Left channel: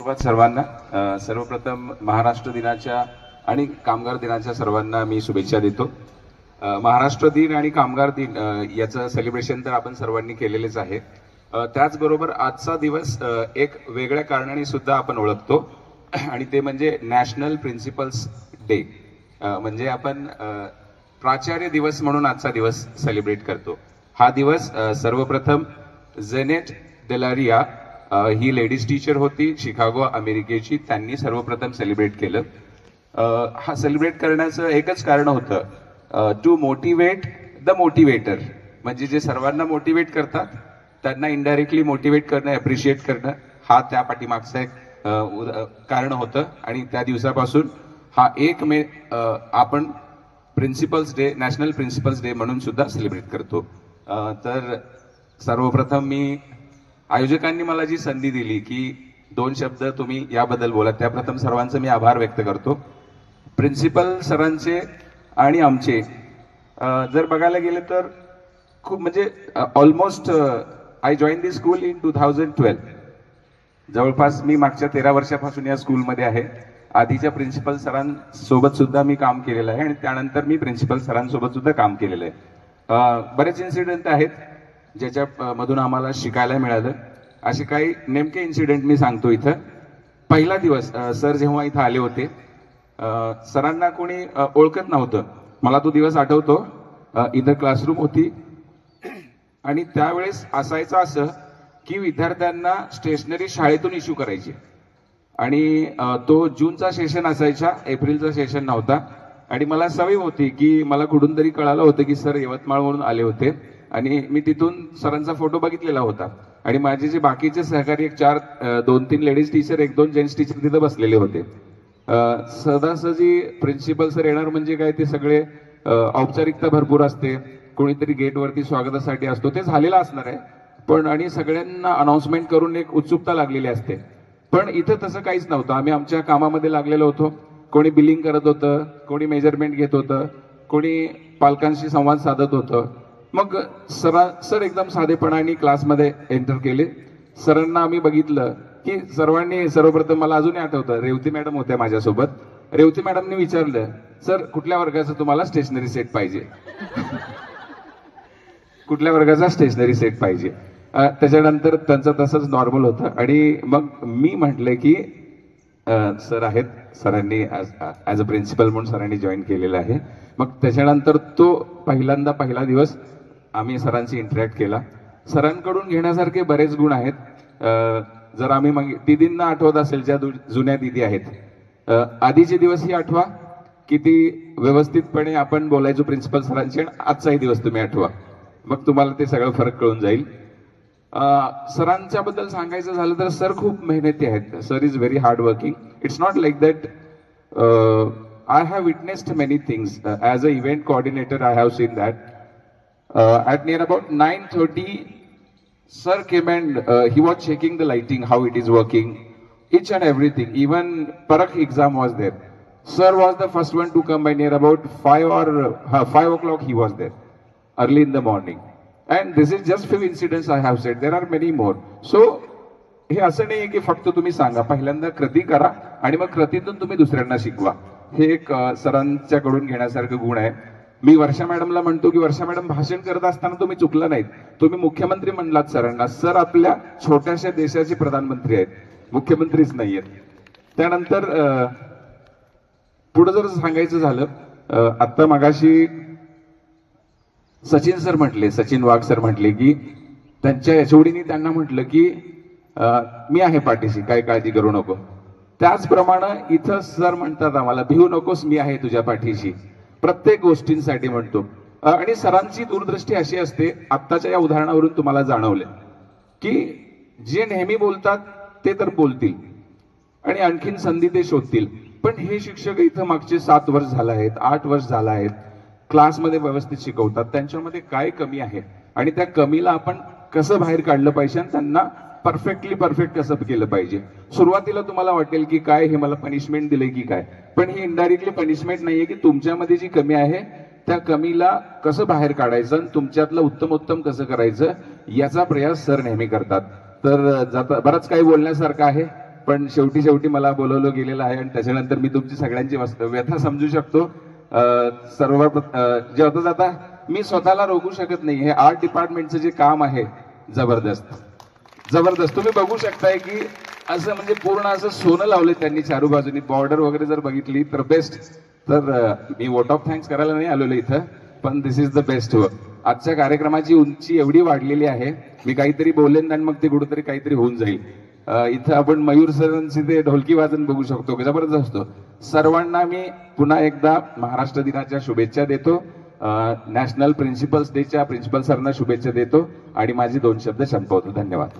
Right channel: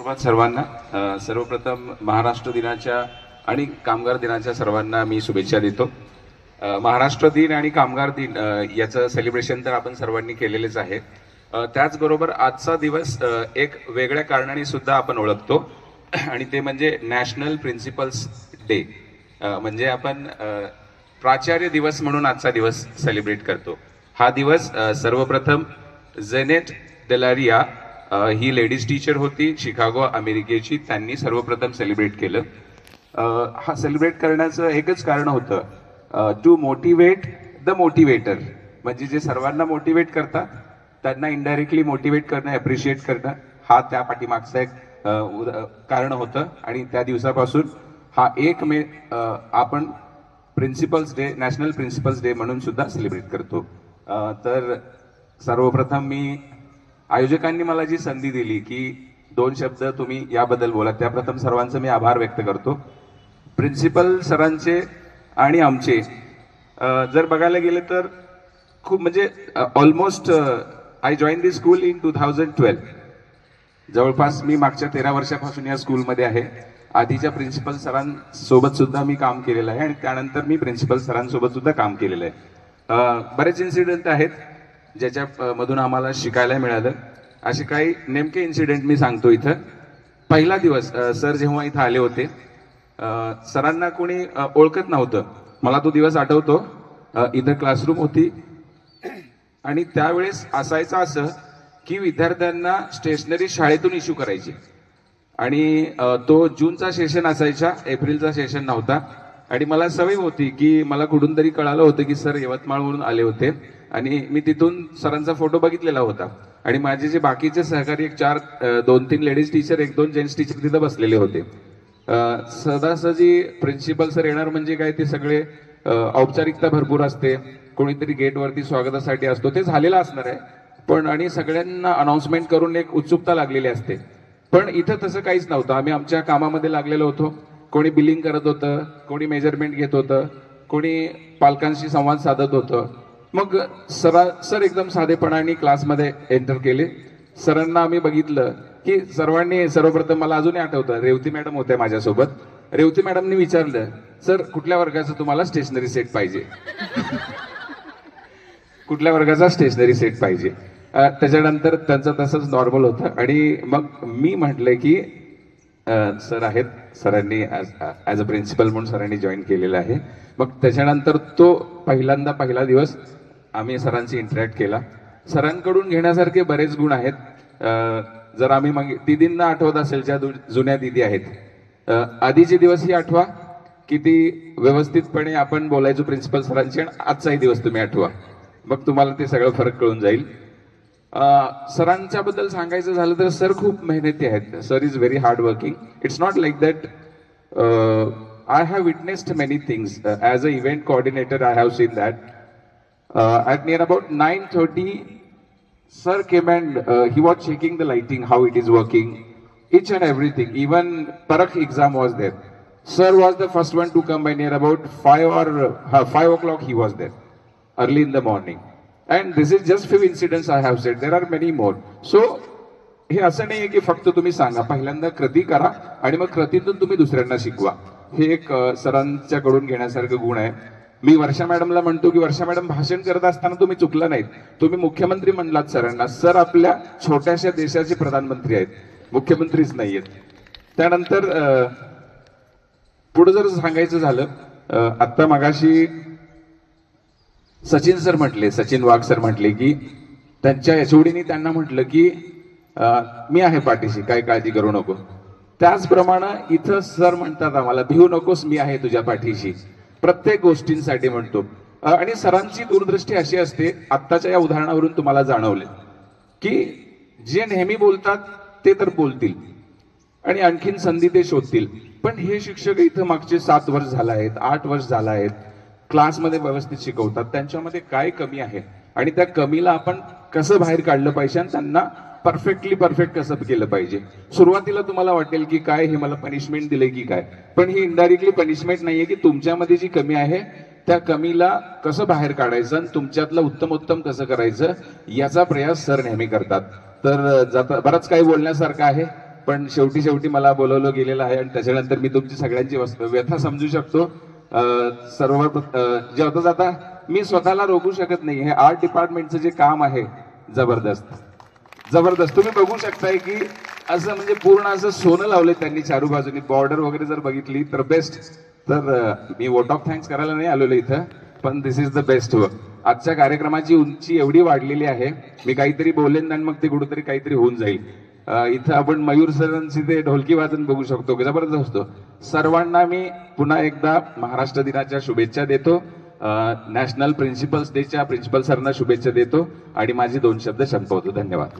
सर्वांना सर्वप्रथम महाराष्ट्र दिनाच्या आणि कामगार दिनाच्या सर्वांना मी शुभेच्छा देतो. महाराष्ट्र दिन आणि कामगार दिन याचं सेलिब्रेशन तर आपण सर्वांनी केलेलेच आहे. त्याचबरोबर आजचा दिवस एक वेगळ्या कारणाने सुद्धा आपण ओळखतो आणि ते म्हणजे नॅशनल प्रिन्सिपल्स डे. म्हणजे आपण प्राचार्य दिवस म्हणून आजचा दिवस सेलिब्रेट करतो. हा दिवस सर्वप्रथम जेनेट डेलारिया ही लेडीज टीचर होती शिकागो अमेरिकेची, त्यांनी सर्वप्रथम सेलिब्रेट केलं. हा सेलिब्रेट करण्याचं एकच कारण होतं, टू मोटिवेट द मोटिवेटर. म्हणजे जे सर्वांना मोटिवेट करतात त्यांना इनडायरेक्टली मोटिवेट करणं, अप्रिशिएट करणं, हा त्या पाठीमागचं एक कारण होतं. आणि त्या दिवसापासून हा 1 मे आपण principles day, national principles day म्हणून सुद्धा सेलिब्रेट करतो. तर सर्वप्रथम मी आयोजकांनी मला जी संधी दिली की 2 शब्द तुम्ही याबद्दल बोला, त्याप्रथम सर्वांचं मी आभार व्यक्त करतो. प्रिन्सिपल सरांचे आणि आमचे जर बघायला गेलं तर खूप म्हणजे almost I join the school in 2012. जवळपास मी मागच्या 13 वर्षापासून या स्कूलमध्ये आहे. आधीच्या प्रिन्सिपल सरांसोबत सुद्धा मी काम केलेलं आहे आणि त्यानंतर मी प्रिन्सिपल सरांसोबत सुद्धा काम केलेलं आहे. बरेच इन्सिडेंट आहेत ज्याच्यामधून आम्हाला शिकायला मिळालं. असे काही नेमके इन्सिडेंट मी सांगतो इथं. पहिला दिवस सर जेव्हा इथं आले होते, सरांना कोणी ओळखत नव्हतं. मला तो दिवस आठवतो. इथं क्लासरूम होती आणि त्यावेळेस असायचं असं की विद्यार्थ्यांना स्टेशनरी शाळेतून इश्यू करायची आणि तो जूनचा सेशन असायचा, एप्रिलचा सेशन नव्हता. आणि मला सवय होती की मला कुठून तरी कळालं होतं की सर यवतमाळवरून आले होते आणि मी तिथून सरांचा फोटो बघितलेला होता. आणि माझे जे बाकीचे सहकारी 2-3 लेडीज टीचर, 1-2 जेंट्स टीचर तिथं बसलेले होते. सहजासहजी प्रिन्सिपल सर येणार म्हणजे काय, ते सगळे औपचारिकता भरपूर असते. कोणीतरी गेटवरती स्वागतासाठी असतो, ते झालेलं असणार आहे. पण आणि सगळ्यांना अनाउन्समेंट करून एक उत्सुकता लागलेली असते. पण इथं तसं काहीच नव्हतं. आम्ही आमच्या कामामध्ये लागलेलो होतो. कोणी बिलिंग करत होतं, कोणी मेजरमेंट घेत होतं, कोणी पालकांशी संवाद साधत होतं. मग सर एकदम साधेपणाने क्लासमध्ये एंटर केले. सरांना आम्ही बघितलं की सर्वांनी सर्वप्रथम मला अजूनही आठवतं, रेवती मॅडम होत्या माझ्यासोबत. रेवती मॅडमनी विचारलं, सर कुठल्या वर्गाचं तुम्हाला स्टेशनरी सेट पाहिजे? कुठल्या वर्गाचा स्टेशनरी सेट पाहिजे? त्याच्यानंतर त्यांचं तसंच नॉर्मल होतं. आणि मग मी म्हटलं की सर आहेत, सरांनी ॲज अ प्रिन्सिपल म्हणून सरांनी जॉईन केलेलं आहे. मग त्याच्यानंतर तो पहिला दिवस आम्ही सरांशी इंटरॅक्ट केला. सरांकडून घेण्यासारखे बरेच गुण आहेत. जर आम्ही मग दिदींना आठवत असेल, ज्या जुन्या दिदी आहेत, आधीचे दिवस ही आठवा किती व्यवस्थितपणे आपण बोलायचो प्रिन्सिपल सरांची, आणि आजचाही दिवस तुम्ही आठवा, मग तुम्हाला ते सगळं फरक कळून जाईल. सरांच्या बद्दल सांगायचं झालं तर सर खूप मेहनती आहेत. Sir is very hard working. It's not like that. I have witnessed many things. As an event coordinator, I have seen that. At near about 9:30, sir came and he was checking the lighting, how it is working, each and everything. Even Parakh exam was there. Sir was the first one to come by near about 5 o'clock he was there, early in the morning. And this is just few incidents I have said. There are many more. So, हे असं नाहीये की फक्त तुम्ही सांगा, पहिल्यांदा कृती करा आणि मग कृतीतून तुम्ही दुसऱ्यांना शिकवा. हे एक सरांच्याकडून घेण्यासारखं गुण आहे. मी वर्षा मॅडमला म्हणतो की वर्षा मॅडम, भाषण करत असताना तुम्ही चुकला नाहीत. तुम्ही मुख्यमंत्री म्हणलात सरांना. सर आपल्या छोट्याशा देशाचे प्रधानमंत्री आहेत, मुख्यमंत्रीच नाहीयेत. त्यानंतर पुढे जर सांगायचं झालं, आत्ता मगाशी सचिन सर म्हटले, सचिन वाघ सर म्हटले की त्यांच्या एचओडीनी त्यांना म्हटलं की मी आहे पाठीशी, काय काळजी करू नको. त्याचप्रमाणे इथं सर म्हणतात आम्हाला, भिवू नकोस, मी आहे तुझ्या पाठीशी, प्रत्येक गोष्टींसाठी म्हणतो. आणि सरांची दूरदृष्टी अशी असते, आत्ताच्या या उदाहरणावरून तुम्हाला जाणवले की जे नेहमी बोलतात ते तर बोलतील आणि आणखीन संधी ते शोधतील. पण हे शिक्षक इथं मागचे 7 वर्ष झाले आहेत, 8 वर्ष झाले आहेत, क्लासमध्ये व्यवस्थित शिकवतात. त्यांच्यामध्ये काय कमी आहे आणि त्या कमीला आपण कसं बाहेर काढलं पाहिजे आणि त्यांना परफेक्ट कसं केलं पाहिजे. सुरुवातीला तुम्हाला वाटेल की काय हे मला पनिशमेंट दिले की काय, पण ही इनडायरेक्टली पनिशमेंट नाहीये की तुमच्यामध्ये जी कमी आहे त्या कमीला कसं बाहेर काढायचं आणि तुमच्यातलं उत्तम कसं करायचं याचा प्रयास सर नेहमी करतात. तर बरंच काही बोलण्यासारखं आहे. पण शेवटी मला बोलवलं गेलेलं आहे आणि त्याच्यानंतर मी तुमची सगळ्यांची व्यथा समजू शकतो. जेवता जाता मी स्वतःला रोखू शकत नाही. हे आर्ट डिपार्टमेंटचं जे काम आहे जबरदस्त तुम्ही बघू शकताय की असं म्हणजे पूर्ण असं सोनं लावले त्यांनी चारू बाजूनी. बॉर्डर वगैरे जर बघितली तर बेस्ट. तर मी वोट ऑफ थँक्स करायला नाही आलेलो इथं, पण दिस इज द बेस्ट वर्क. आजच्या कार्यक्रमाची उंची एवढी वाढलेली आहे, मी काहीतरी बोलेन आणि मग ते कुठेतरी काहीतरी होऊन जाईल. इथं आपण मयूर सरांची ते ढोलकी वाजन बघू शकतो, जबरदस्त असतो. सर्वांना मी पुन्हा एकदा महाराष्ट्र दिनाच्या शुभेच्छा देतो. नॅशनल प्रिन्सिपल्स डेच्या प्रिन्सिपल सरना शुभेच्छा देतो आणि माझे 2 शब्द संपवतो. धन्यवाद.